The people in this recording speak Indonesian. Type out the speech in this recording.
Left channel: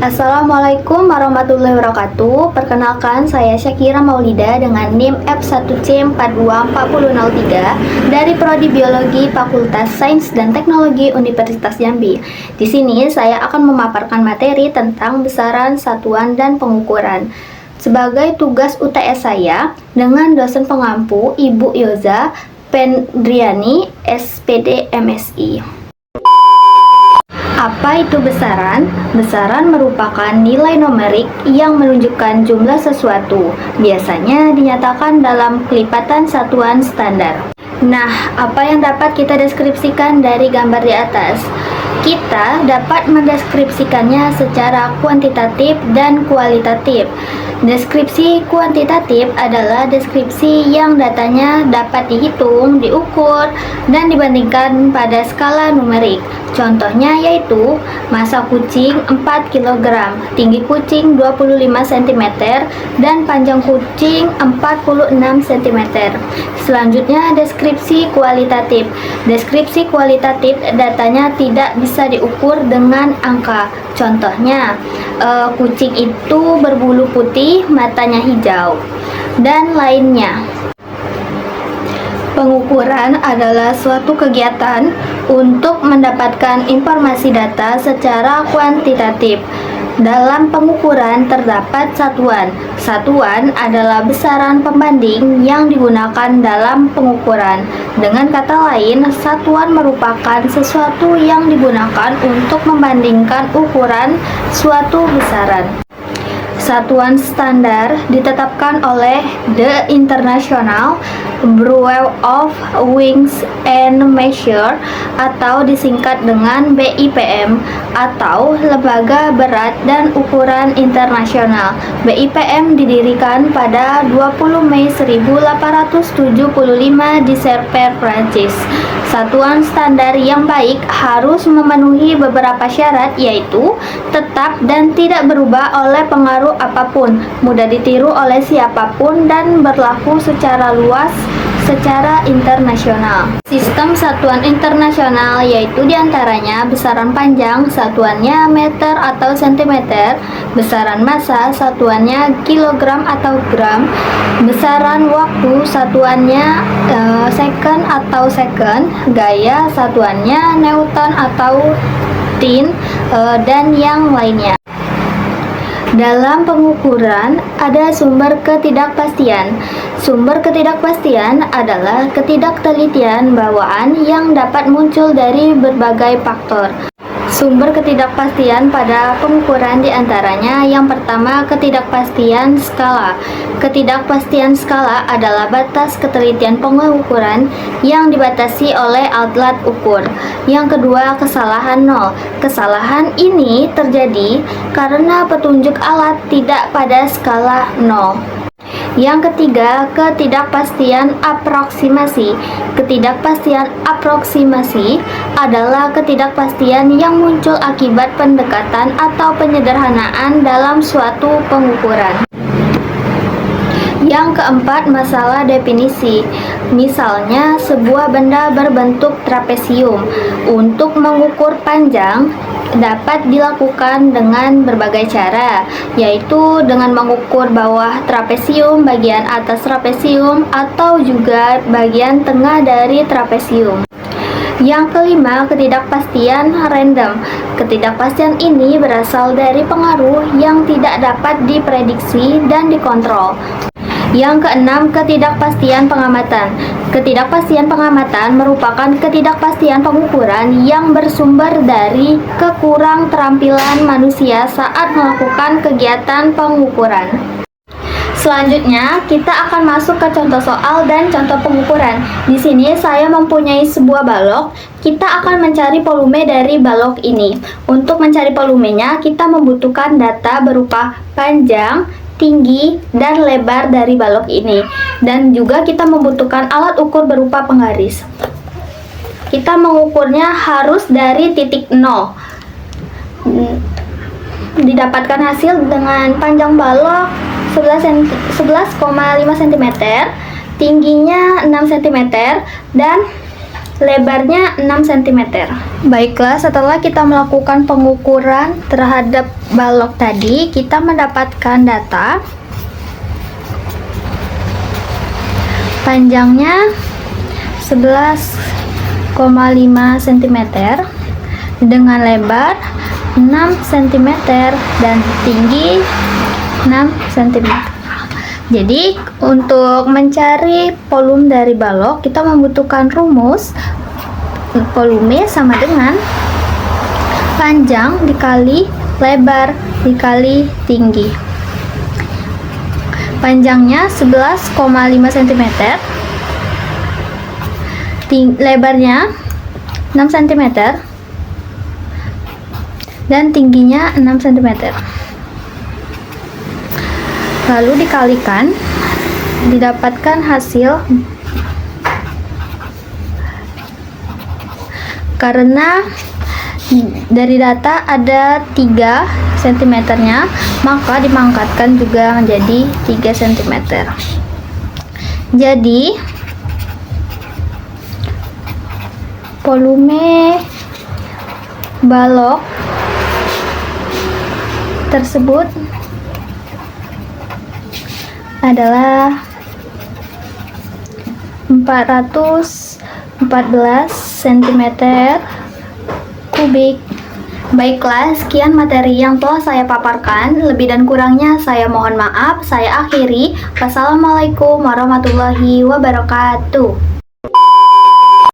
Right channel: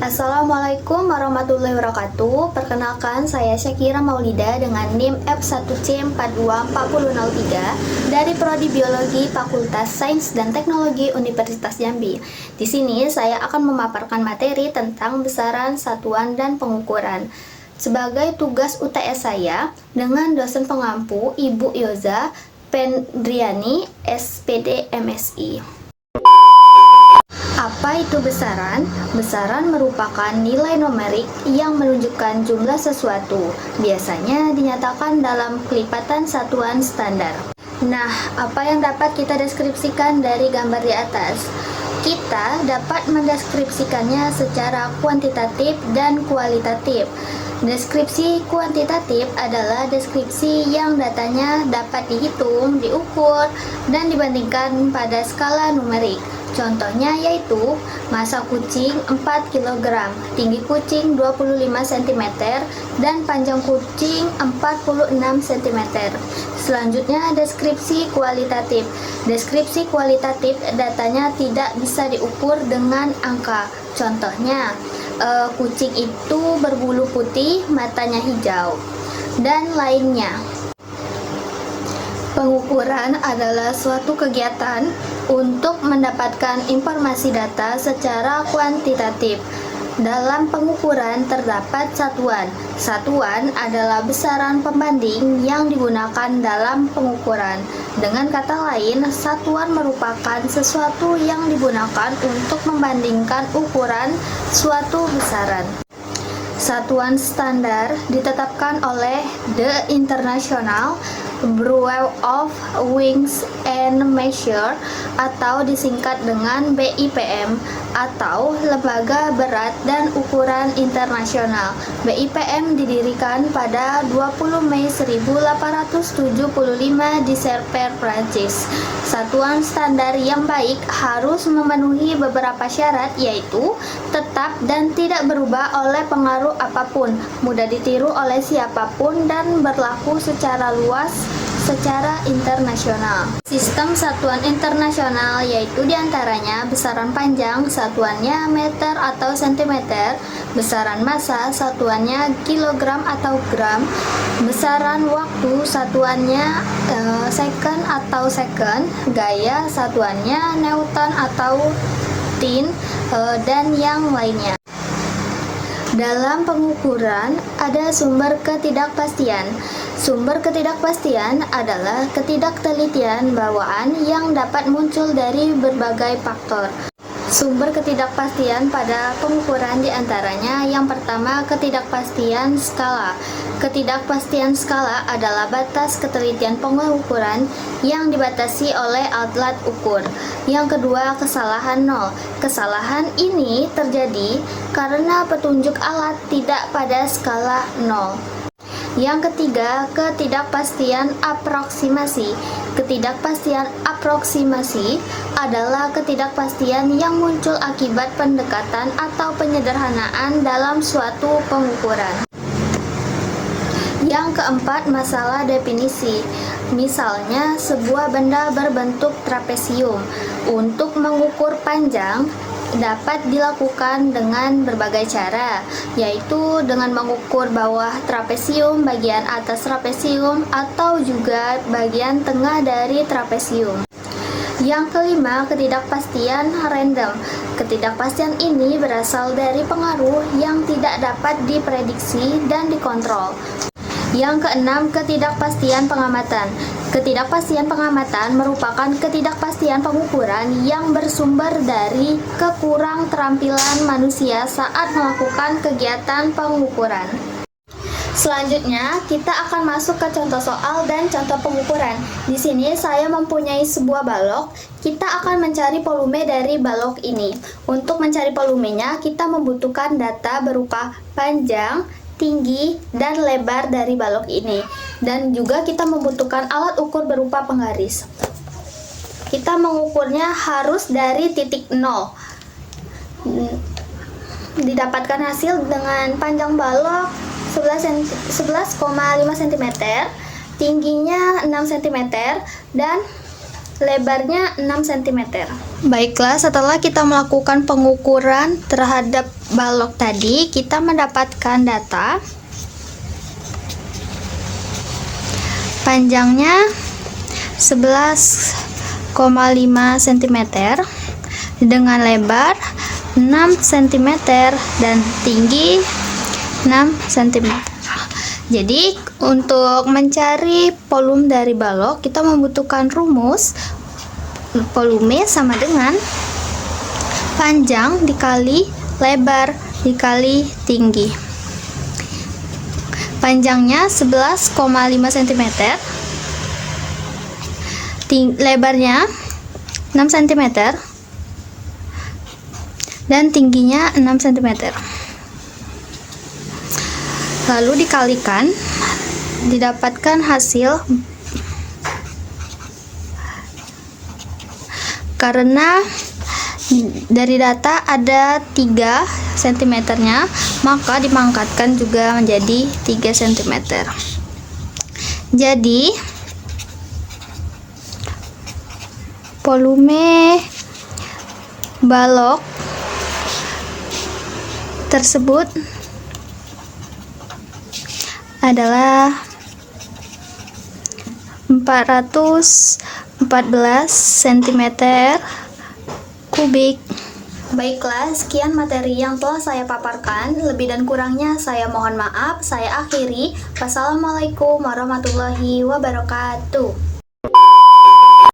Assalamualaikum warahmatullahi wabarakatuh. Perkenalkan, saya Syakira Maulida dengan NIM F1C424003 dari Prodi Biologi Fakultas Sains dan Teknologi Universitas Jambi. Di sini saya akan memaparkan materi tentang besaran, satuan, dan pengukuran. Sebagai tugas UTS saya dengan dosen pengampu Ibu Yoza Pendriani, SPD MSI. Apa itu besaran? Besaran merupakan nilai numerik yang menunjukkan jumlah sesuatu. Biasanya dinyatakan dalam kelipatan satuan standar. Nah, apa yang dapat kita deskripsikan dari gambar di atas? Kita dapat mendeskripsikannya secara kuantitatif dan kualitatif. Deskripsi kuantitatif adalah deskripsi yang datanya dapat dihitung, diukur, dan dibandingkan pada skala numerik. Contohnya yaitu massa kucing 4 kg, tinggi kucing 25 cm, dan panjang kucing 46 cm. Selanjutnya deskripsi kualitatif. Deskripsi kualitatif datanya tidak bisa diukur dengan angka. Contohnya, kucing itu berbulu putih, matanya hijau, dan lainnya. Pengukuran adalah suatu kegiatan untuk mendapatkan informasi data secara kuantitatif. Dalam pengukuran terdapat satuan. Satuan adalah besaran pembanding yang digunakan dalam pengukuran. Dengan kata lain, satuan merupakan sesuatu yang digunakan untuk membandingkan ukuran suatu besaran. Satuan standar ditetapkan oleh The International Bureau of Weights and Measures atau disingkat dengan BIPM atau Lembaga Berat dan Ukuran Internasional. BIPM didirikan pada 20 Mei 1875 di Serpent, Prancis. Satuan standar yang baik harus memenuhi beberapa syarat, yaitu tetap dan tidak berubah oleh pengaruh apapun, mudah ditiru oleh siapapun, dan berlaku secara luas secara internasional. Sistem satuan internasional yaitu diantaranya besaran panjang, satuannya meter atau sentimeter, besaran massa, satuannya kilogram atau gram, besaran waktu, satuannya second atau second, gaya, satuannya newton atau tin, dan yang lainnya. Dalam pengukuran ada sumber ketidakpastian. Sumber ketidakpastian adalah ketidaktelitian bawaan yang dapat muncul dari berbagai faktor. Sumber ketidakpastian pada pengukuran diantaranya yang pertama ketidakpastian skala. Ketidakpastian skala adalah batas ketelitian pengukuran yang dibatasi oleh alat ukur. Yang kedua, kesalahan nol. Kesalahan ini terjadi karena petunjuk alat tidak pada skala nol. Yang ketiga, ketidakpastian aproksimasi. Ketidakpastian aproksimasi adalah ketidakpastian yang muncul akibat pendekatan atau penyederhanaan dalam suatu pengukuran. Yang keempat, masalah definisi. Misalnya, sebuah benda berbentuk trapesium. Untuk mengukur panjang dapat dilakukan dengan berbagai cara, yaitu dengan mengukur bawah trapesium, bagian atas trapesium, atau juga bagian tengah dari trapesium. Yang kelima, ketidakpastian random. Ketidakpastian ini berasal dari pengaruh yang tidak dapat diprediksi dan dikontrol. Yang keenam, ketidakpastian pengamatan. Ketidakpastian pengamatan merupakan ketidakpastian pengukuran yang bersumber dari kekurang terampilan manusia saat melakukan kegiatan pengukuran. Selanjutnya, kita akan masuk ke contoh soal dan contoh pengukuran. Di sini saya mempunyai sebuah balok. Kita akan mencari volume dari balok ini. Untuk mencari volumenya, kita membutuhkan data berupa panjang, tinggi, dan lebar dari balok ini, dan juga kita membutuhkan alat ukur berupa penggaris. Kita mengukurnya harus dari titik 0. Didapatkan hasil dengan panjang balok 11,5 cm, tingginya 6 cm, dan lebarnya 6 cm. Baiklah, setelah kita melakukan pengukuran terhadap balok tadi, kita mendapatkan data panjangnya 11,5 cm dengan lebar 6 cm dan tinggi 6 cm. Jadi, untuk mencari volume dari balok, kita membutuhkan rumus volume sama dengan panjang dikali lebar dikali tinggi. Panjangnya 11,5 cm, lebarnya 6 cm, dan tingginya 6 cm. Lalu dikalikan, didapatkan hasil. Karena dari data ada 3 cm-nya, maka dimangkatkan juga menjadi 3 cm. Jadi, volume balok tersebut adalah 414 cm kubik. Baiklah, sekian materi yang telah saya paparkan. Lebih dan kurangnya saya mohon maaf. Saya akhiri. Wassalamualaikum warahmatullahi wabarakatuh.